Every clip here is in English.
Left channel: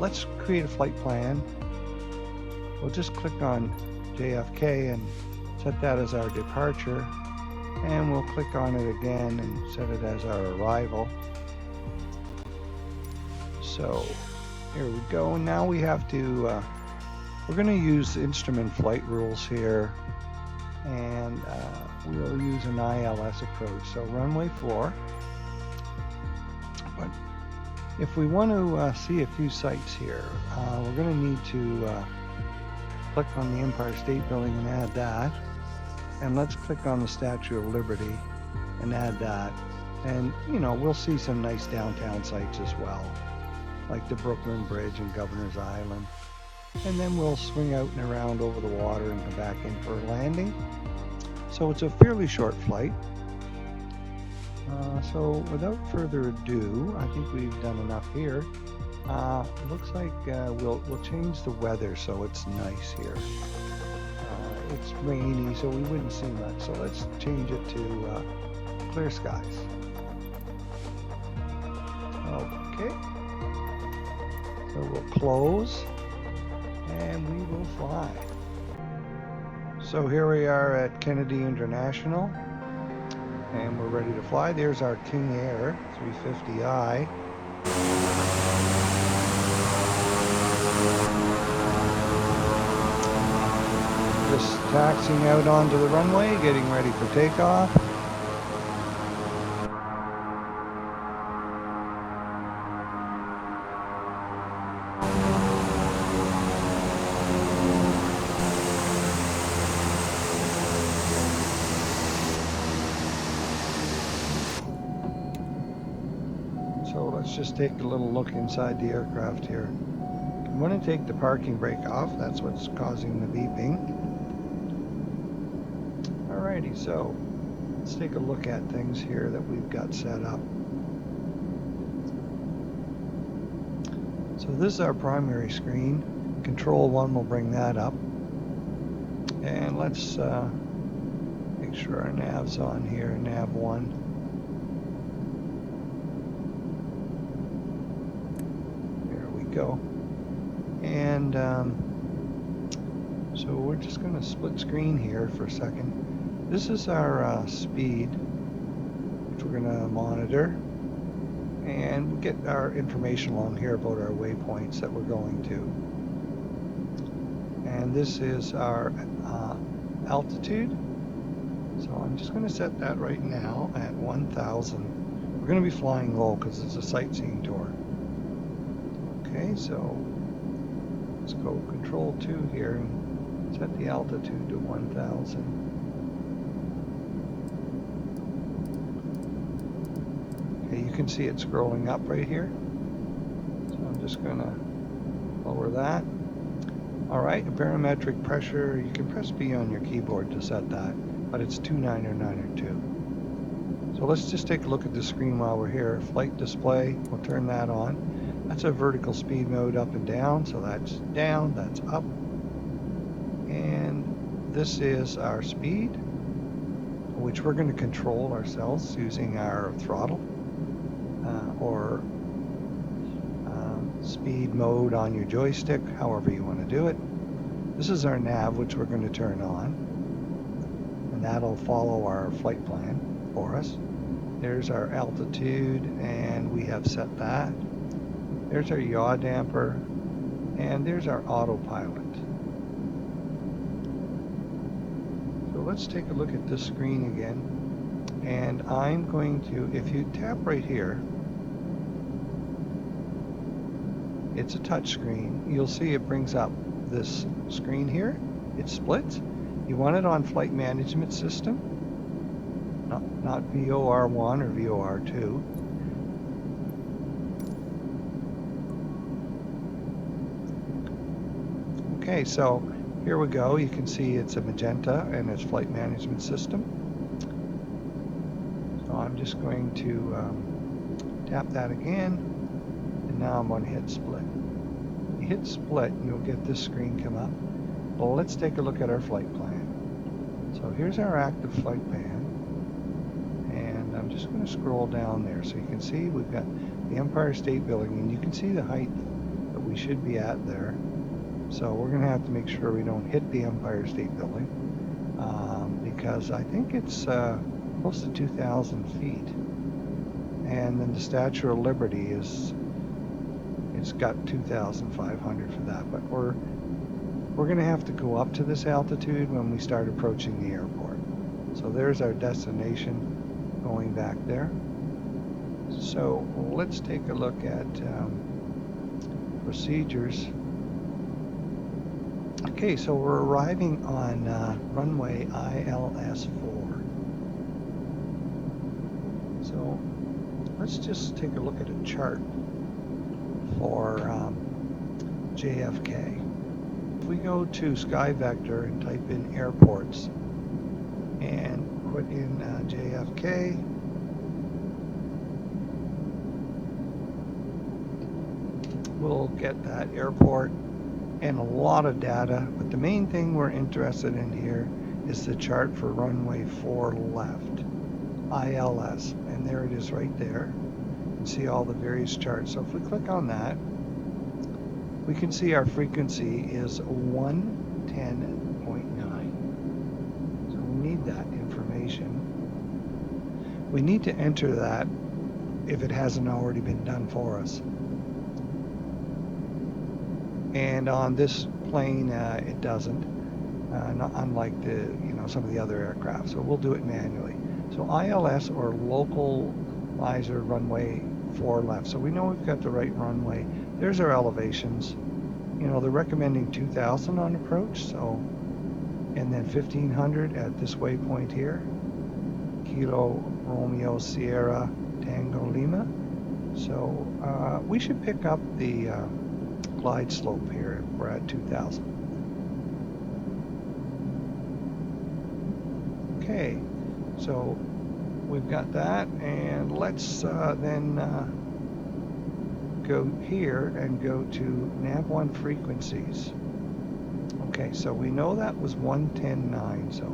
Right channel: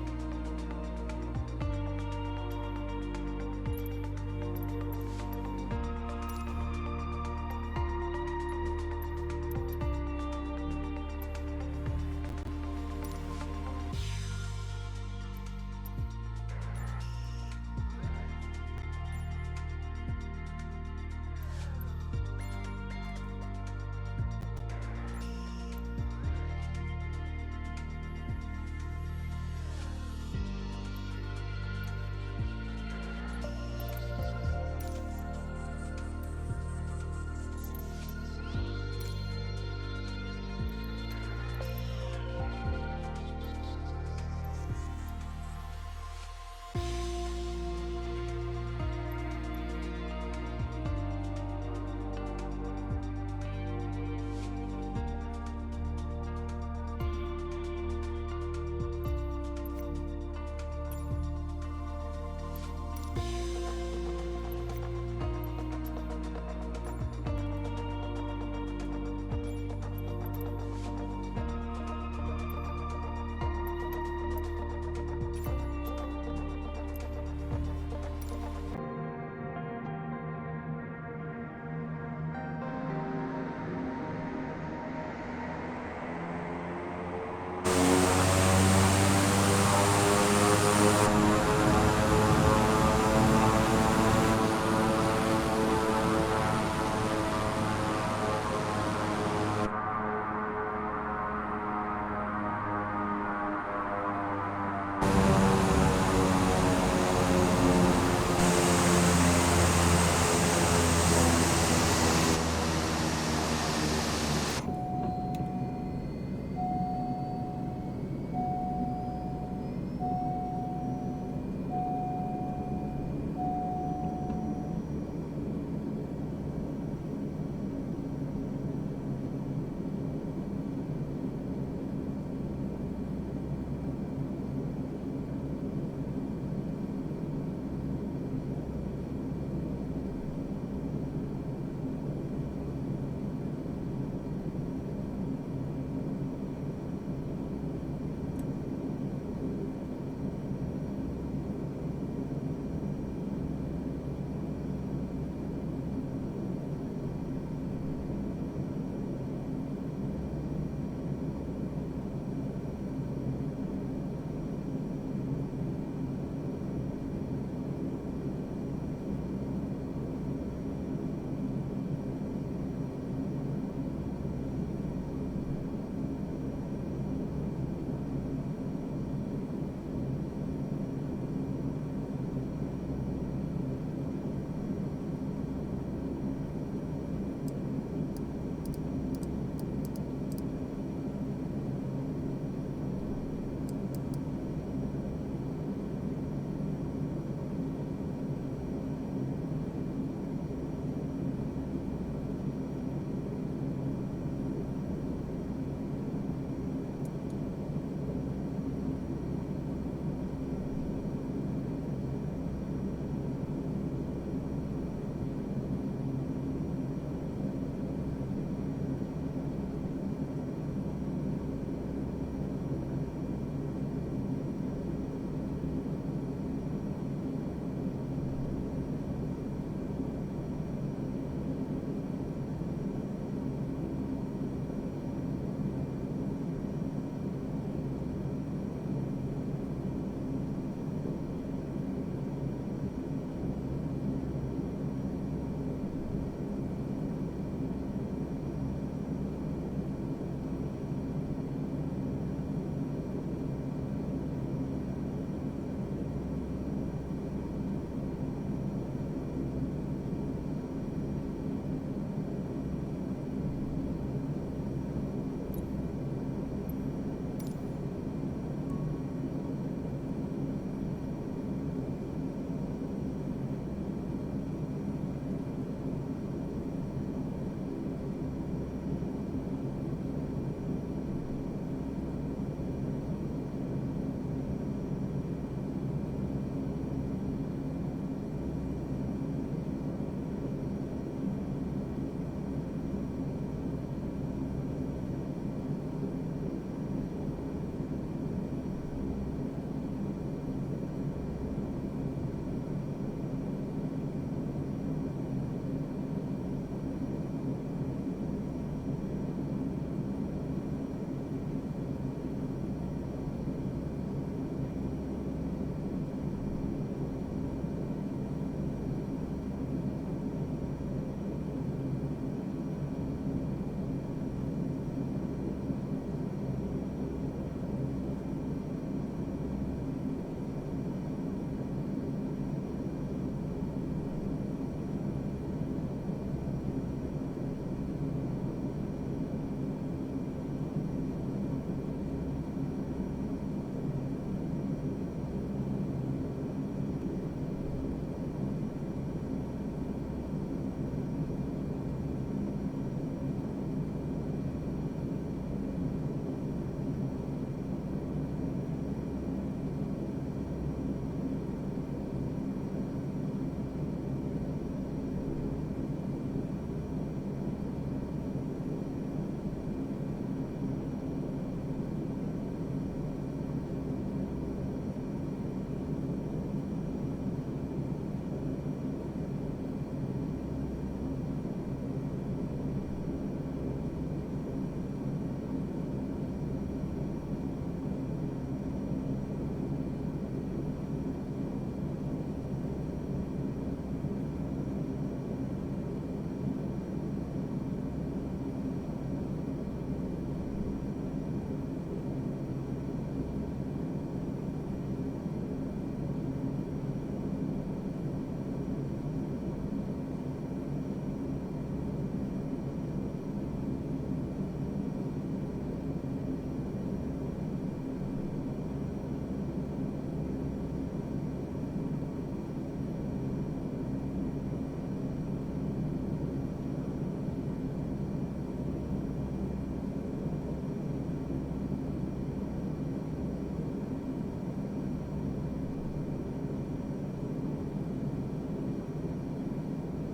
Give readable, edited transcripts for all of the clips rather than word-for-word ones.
let's create a flight plan. We'll just click on JFK and set that as our departure, and we'll click on it again and set it as our arrival. So here we go. Now we have to, we're going to use instrument flight rules here, and we'll use an ILS approach. So runway 4. But if we want to see a few sites here, we're going to need to click on the Empire State Building and add that. And let's click on the Statue of Liberty and add that. And, you know, we'll see some nice downtown sites as well, like the Brooklyn Bridge and Governor's Island. And then we'll swing out and around over the water and come back in for a landing. So it's a fairly short flight. So without further ado, I think we've done enough here. Looks like we'll change the weather so it's nice here. It's rainy, so we wouldn't see much. So let's change it to clear skies. Okay. So we'll close and we will fly. So here we are at Kennedy International, and we're ready to fly. There's our King Air 350i. Just taxiing out onto the runway, getting ready for takeoff. Just take a little look inside the aircraft here. I'm going to take the parking brake off. That's what's causing the beeping. Alrighty, so let's take a look at things here that we've got set up. So this is our primary screen. Control 1 will bring that up. And let's make sure our nav's on here, nav 1. Go. And so we're just going to split screen here for a second. This is our speed, which we're going to monitor and get our information along here about our waypoints that we're going to. And this is our altitude. So I'm just going to set that right now at 1,000. We're going to be flying low because it's a sightseeing tour. So let's go control 2 here and set the altitude to 1,000. Okay, you can see it scrolling up right here. So I'm just going to lower that. All right, barometric pressure, you can press B on your keyboard to set that, but it's 29 or 902. So let's just take a look at the screen while we're here. Flight display, we'll turn that on. That's a vertical speed mode up and down, so that's down, that's up. And this is our speed, which we're going to control ourselves using our throttle or speed mode on your joystick, however you want to do it. This is our nav, which we're going to turn on, and that'll follow our flight plan for us. There's our altitude, and we have set that. There's our yaw damper, and there's our autopilot. So let's take a look at this screen again, and I'm going to, if you tap right here, it's a touch screen. You'll see it brings up this screen here. It splits. You want it on flight management system, not VOR1 or VOR2. Okay, so here we go. You can see it's a magenta and it's flight management system. So I'm just going to tap that again, and now I'm going to hit split. Hit split and you'll get this screen come up. Well, let's take a look at our flight plan. So here's our active flight plan, and I'm just going to scroll down there so you can see we've got the Empire State Building, and you can see the height that we should be at there. So we're going to have to make sure we don't hit the Empire State Building, because I think it's close to 2,000 feet. And then the Statue of Liberty it's got 2,500 for that. But we're going to have to go up to this altitude when we start approaching the airport. So there's our destination going back there. So let's take a look at procedures. Okay, so we're arriving on runway ILS-4. So let's just take a look at a chart for JFK. If we go to Sky Vector and type in airports and put in JFK, we'll get that airport and a lot of data, but the main thing we're interested in here is the chart for runway 4 left, ILS, and there it is right there. You can see all the various charts. So if we click on that, we can see our frequency is 110.9. So we need that information. We need to enter that if it hasn't already been done for us. And on this plane, it doesn't, not unlike some of the other aircraft. So we'll do it manually. So ILS, or localizer runway 4 left. So we know we've got the right runway. There's our elevations. They're recommending 2,000 on approach. So, and then 1,500 at this waypoint here. Kilo Romeo Sierra Tango Lima. So we should pick up the glide slope here. We're at 2,000. Okay, so we've got that, and let's then go here and go to nav1 frequencies. Okay, so we know that was 110.9, so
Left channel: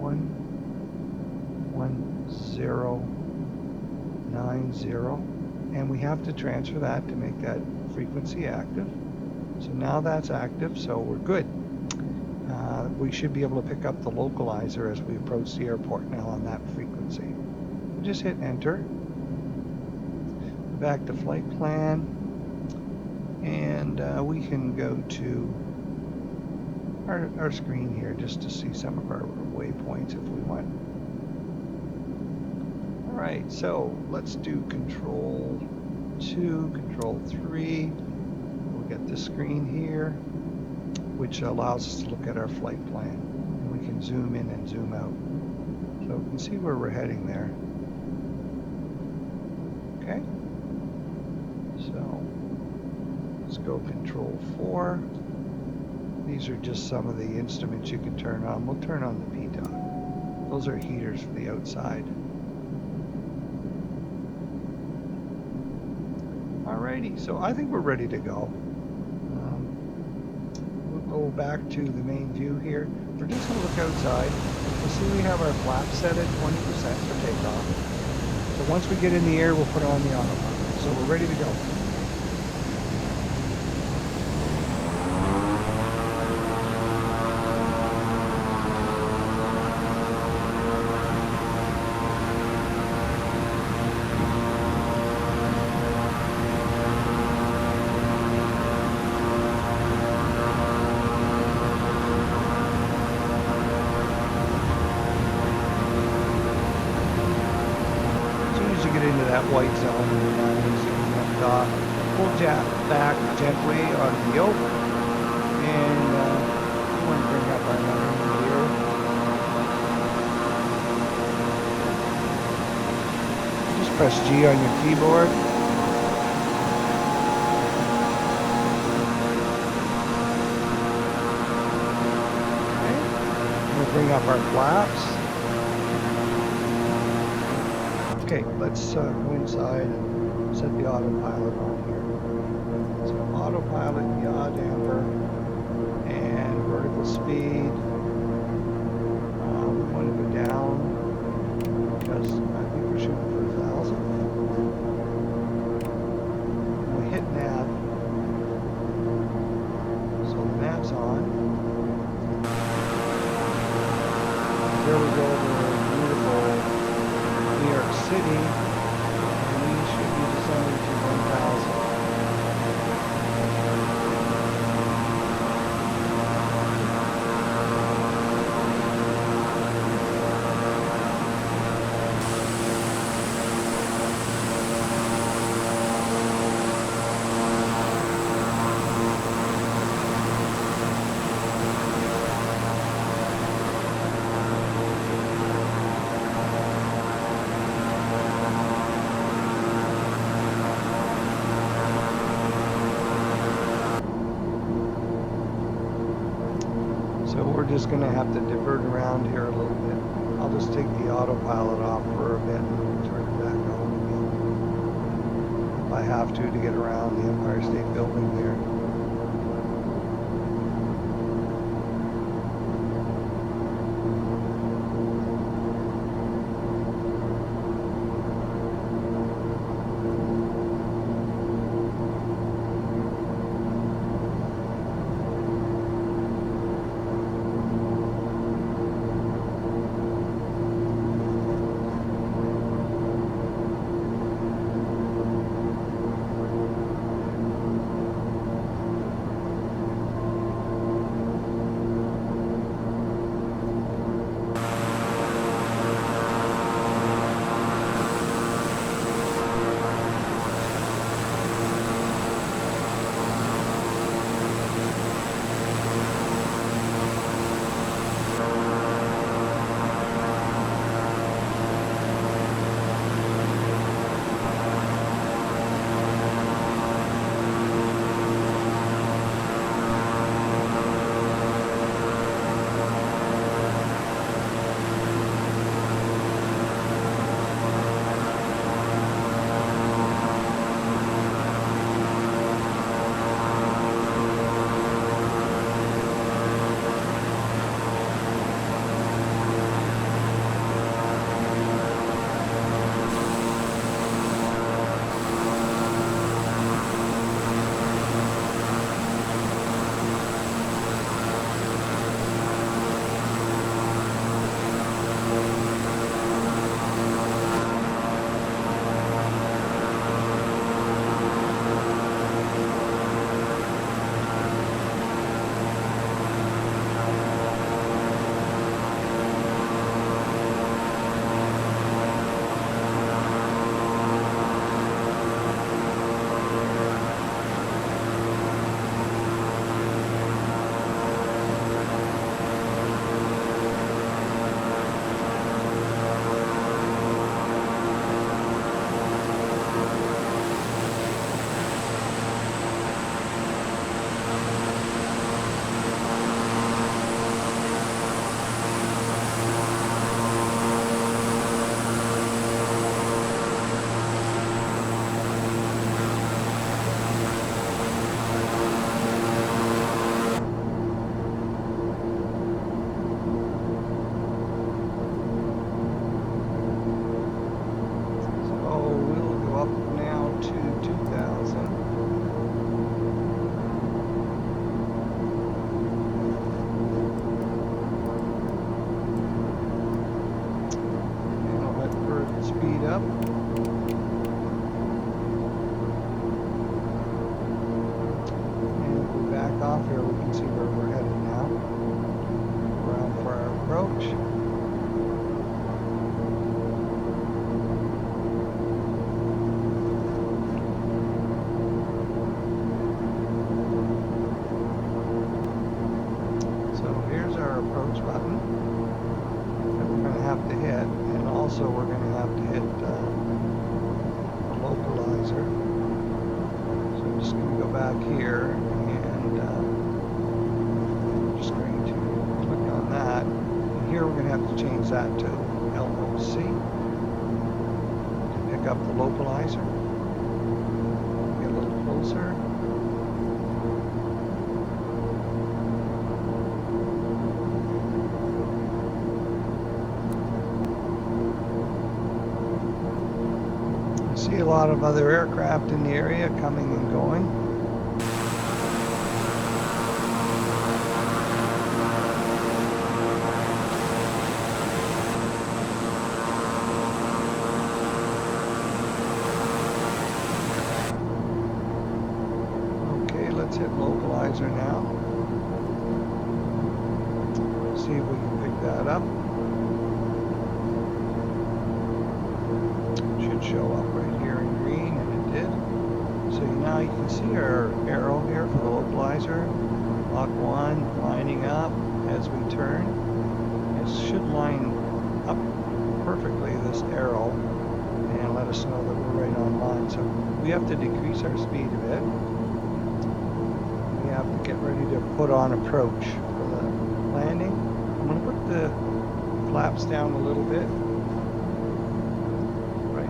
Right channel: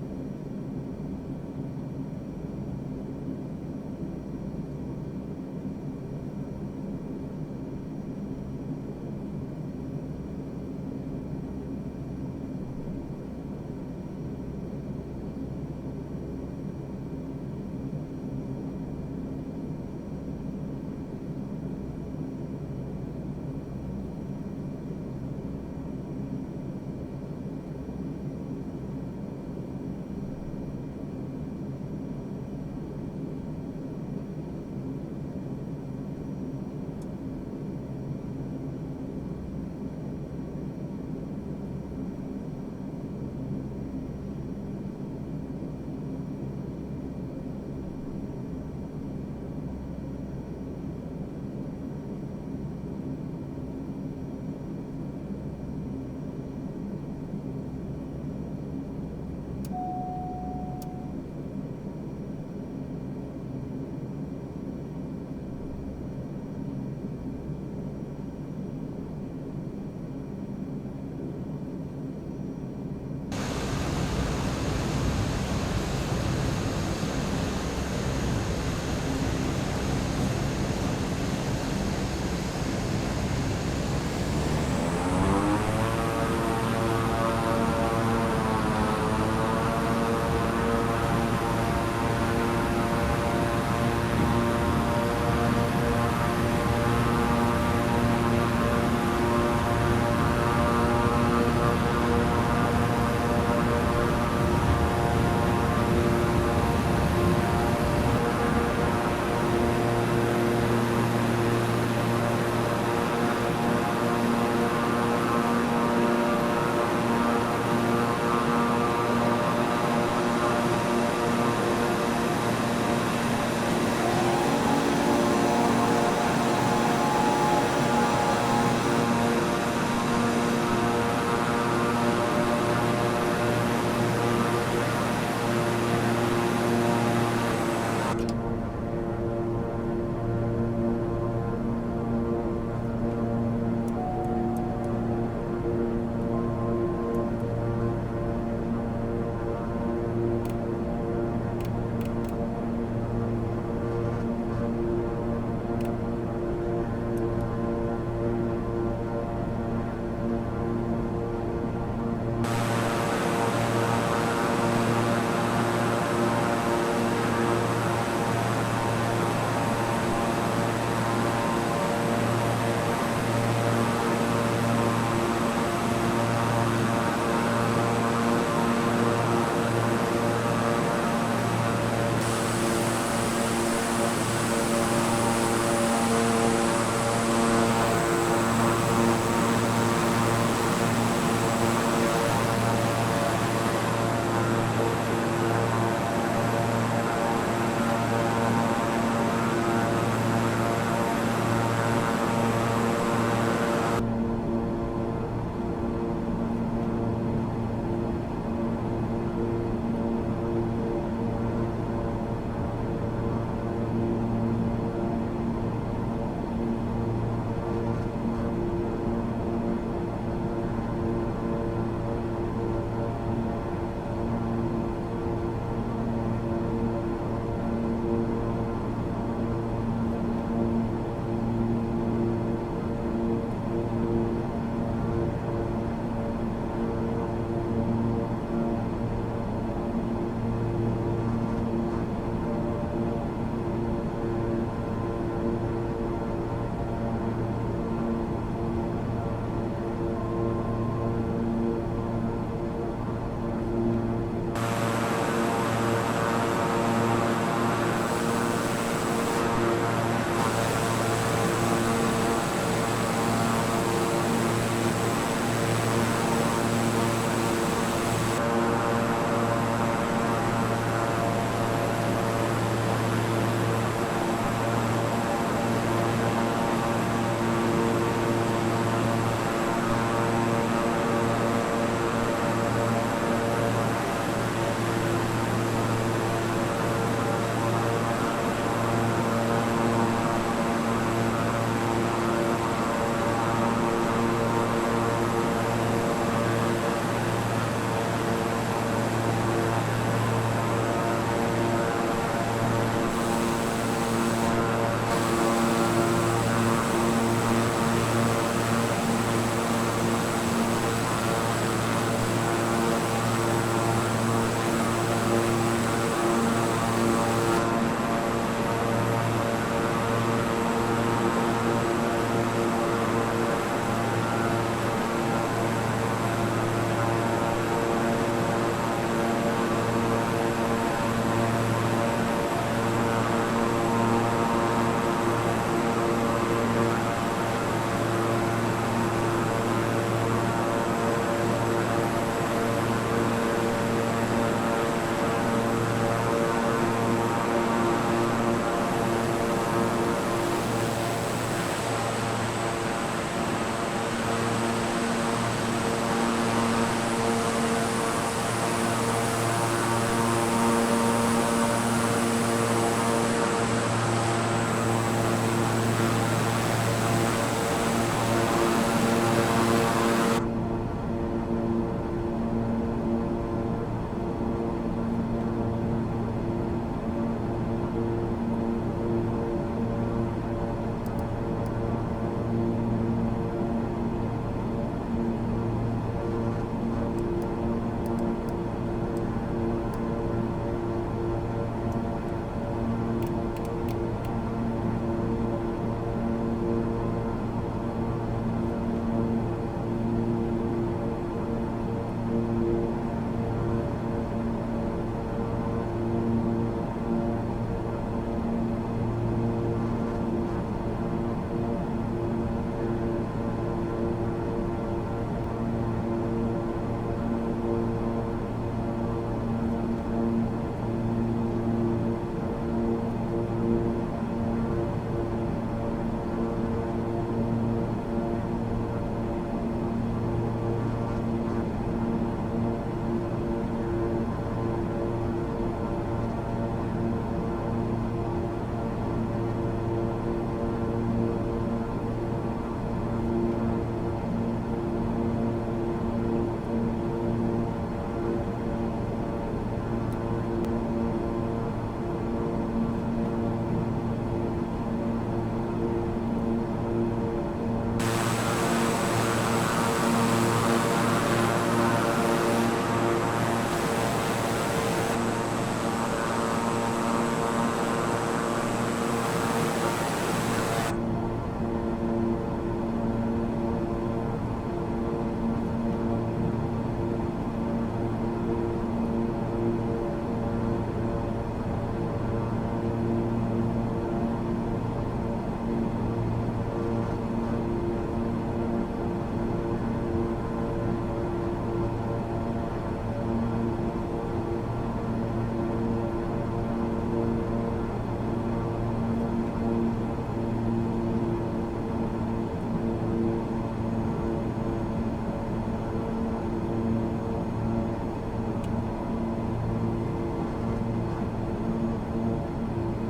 11090, and we have to transfer that to make that frequency active. So now that's active, so we're good. We should be able to pick up the localizer as we approach the airport now on that frequency. Just hit enter. Back to flight plan, and we can go to our screen here just to see some of our waypoints if we want. All right, so let's do control 2, control 3. We'll get the screen here, which allows us to look at our flight plan. And we can zoom in and zoom out. So we can see where we're heading there. Okay. So let's go control 4. These are just some of the instruments you can turn on. We'll turn on the PTOC. Those are heaters for the outside. Alrighty, so I think we're ready to go. We'll go back to the main view here. We're just going to look outside. So we have our flap set at 20% for takeoff. So once we get in the air, we'll put on the off. So we're ready to go. just going to have to divert around here a little bit. I'll just take the autopilot off for a bit. Turn it back on again. If I have to get around the Empire State Building there. A lot of other aircraft in the area coming and going. Okay, let's hit mobilizer now. See if we can pick that up. Should show up right here in green, and it did. So now you can see our arrow here for the localizer. Lock 1 lining up as we turn. This should line up perfectly, this arrow, and let us know that we're right on line. So we have to decrease our speed a bit. We have to get ready to put on approach for the landing. flaps down a little bit. Right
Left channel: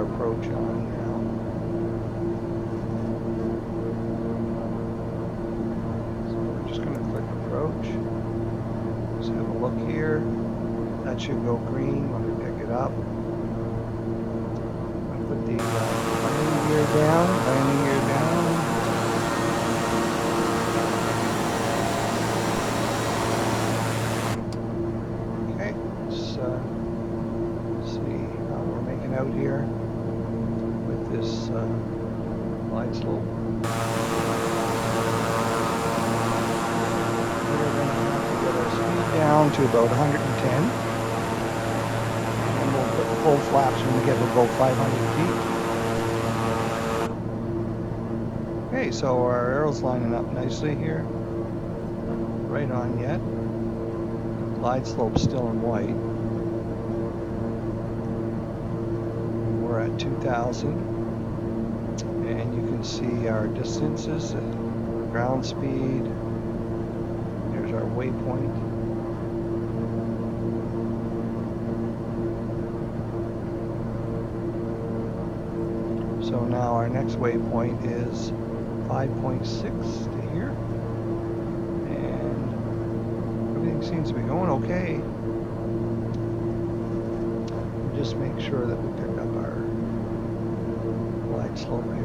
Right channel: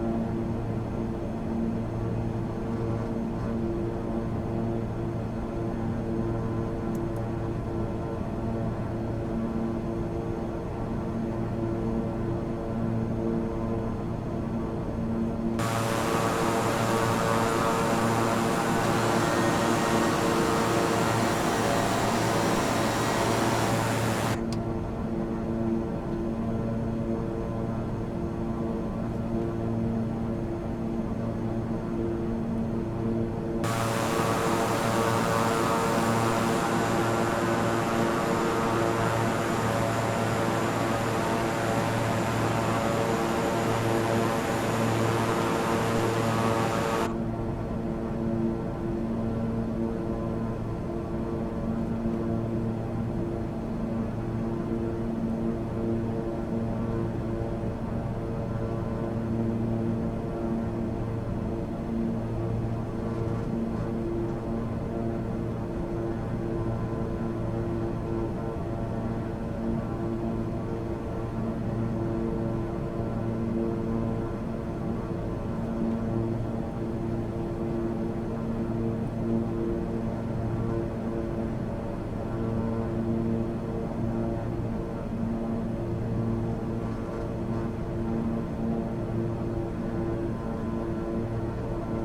approach on now. So I'm just going to click approach. Just going to look here. That should go green when we pick it up. I'm going to put the gear down. Okay, let's see how we're making out here. This glide slope. Down to about 110. And the full flaps when we get about 500 feet. Okay, so our arrow's lining up nicely here. Right on yet. Glide slope still in white. We're at 2,000. And you can see our distances, ground speed. There's our waypoint. So now our next waypoint is 5.6 here. And everything seems to be going okay. Just make sure that we pick up our glide slope here.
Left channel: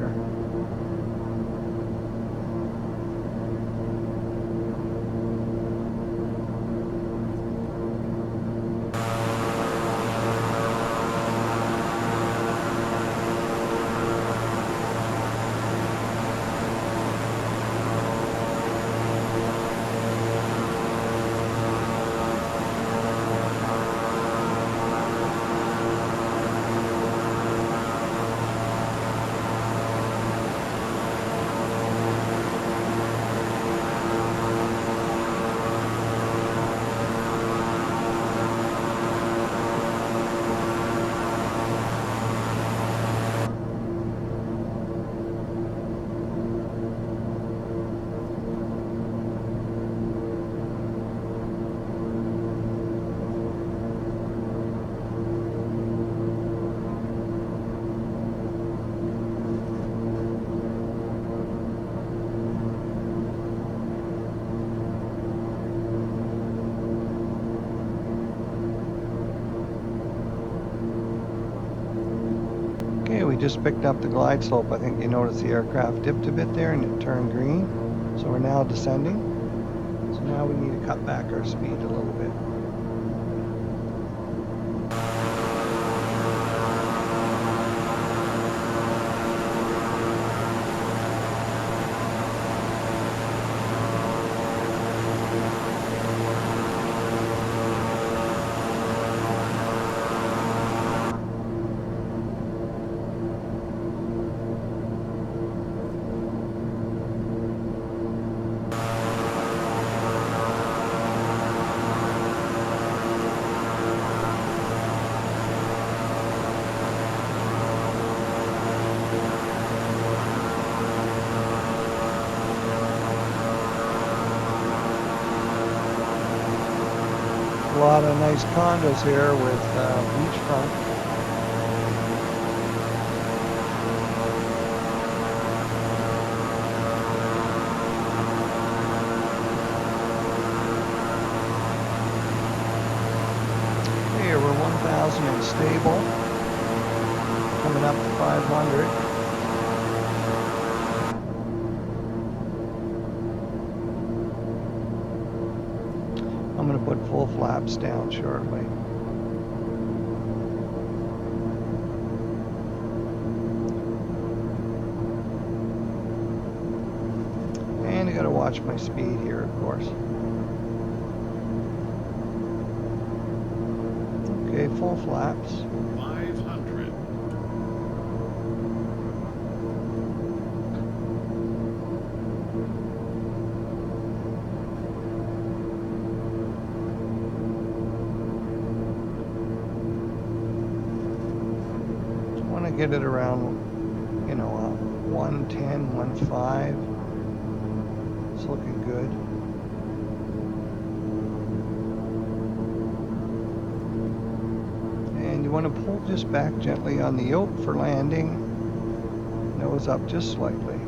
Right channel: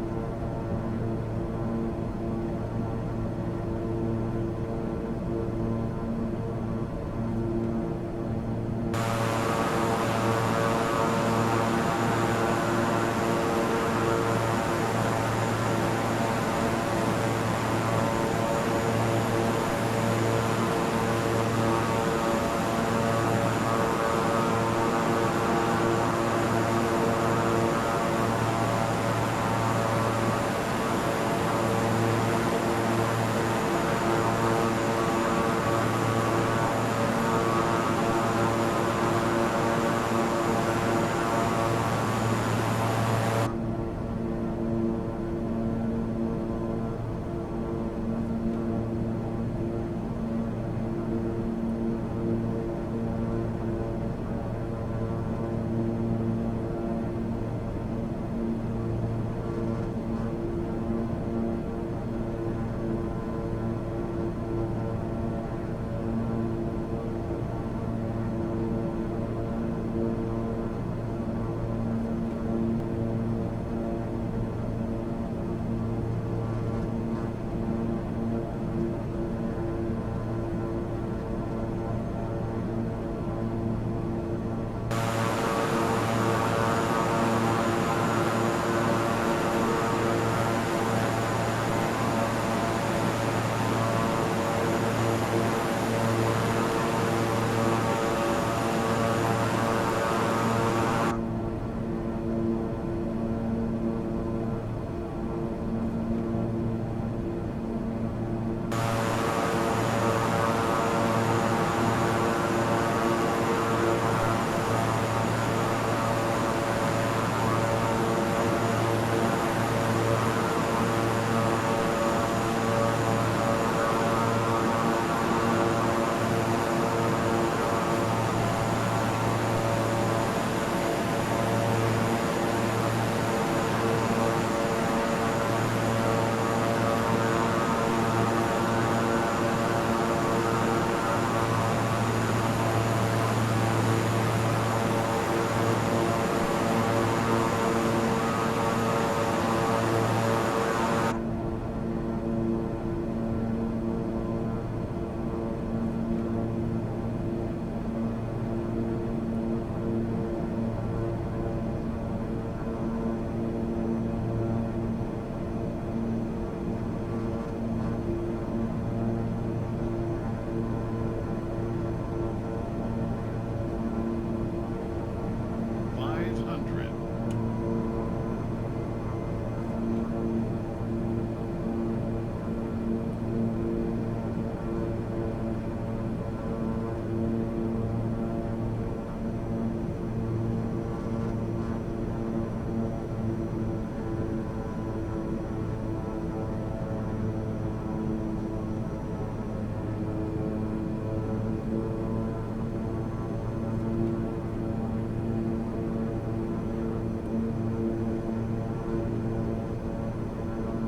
Just picked up the glide slope. I think you noticed the aircraft dipped a bit there and it turned green. So we're now descending. So now we need to cut back our speed a little bit. Condos here with beachfront. Here we're 1,000 stable, coming up to 500. I'm going to put full flaps down shortly. Watch my speed here, of course. Okay, full flaps. 500. get it around, 110, 1.5. It's looking good. And you want to pull just back gently on the yoke for landing. Nose up just slightly.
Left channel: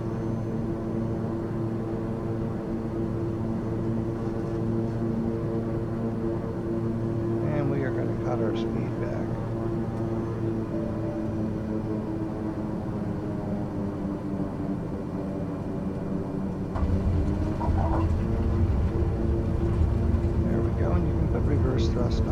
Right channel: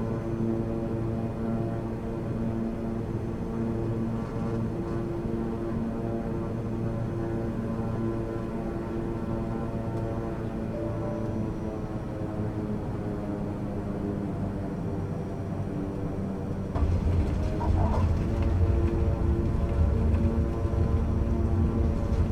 And we are going to cut our speed back. There we go. You can put reverse thrust on.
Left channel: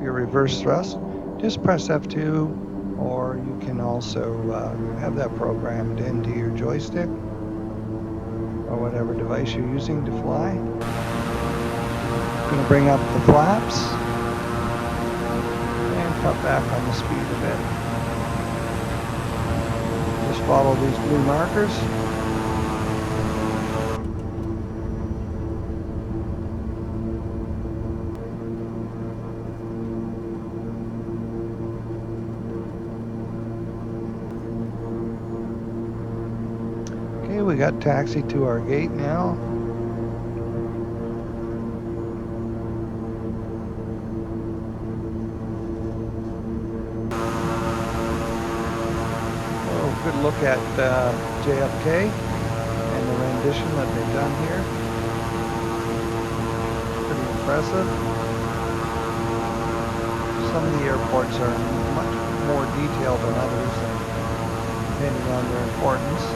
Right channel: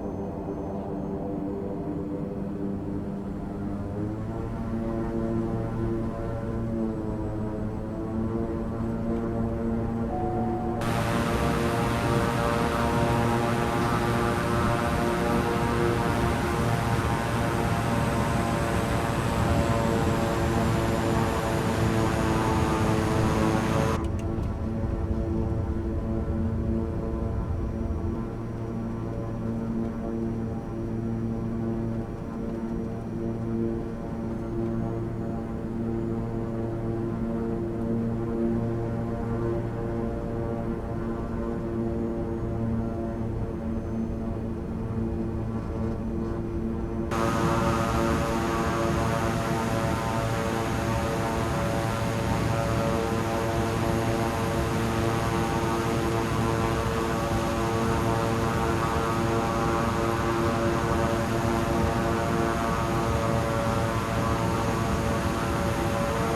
Reverse thrust, just press F2, or you can also have that programmed into your joystick or whatever device you're using to fly. Bring up the flaps and cut back on the speed a bit. Just follow these blue markers. We got taxi to our gate now. We could look at JFK and the rendition that we got here. Pretty impressive. Some of the airports are more detailed than others, depending on their importance.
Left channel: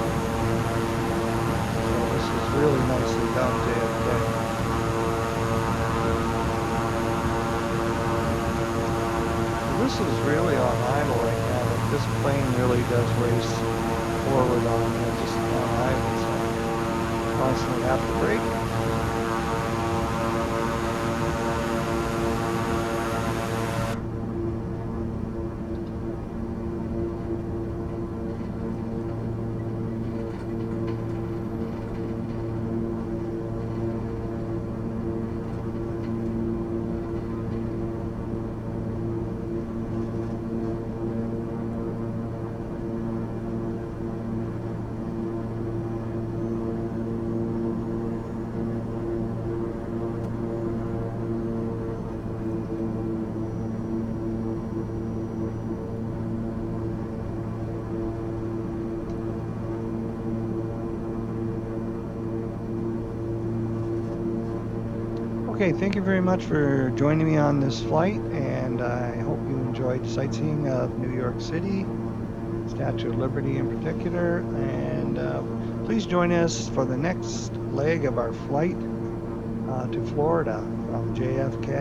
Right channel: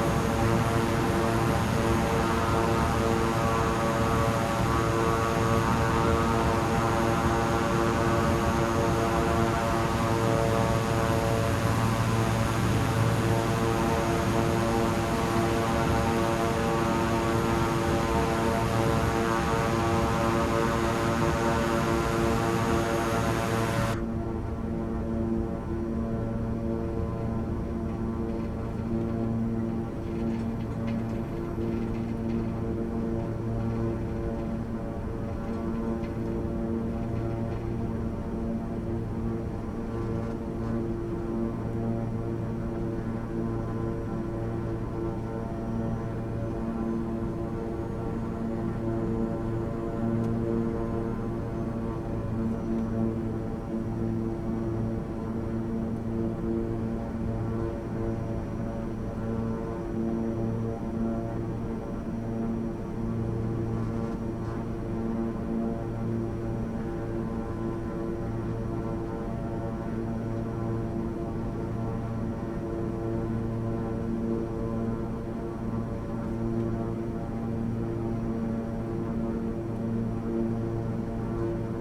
Okay, thank you very much for joining me on this flight, and I hope you enjoyed sightseeing of New York City, Statue of Liberty in particular, and please join us for the next leg of our flight to Florida from JFK.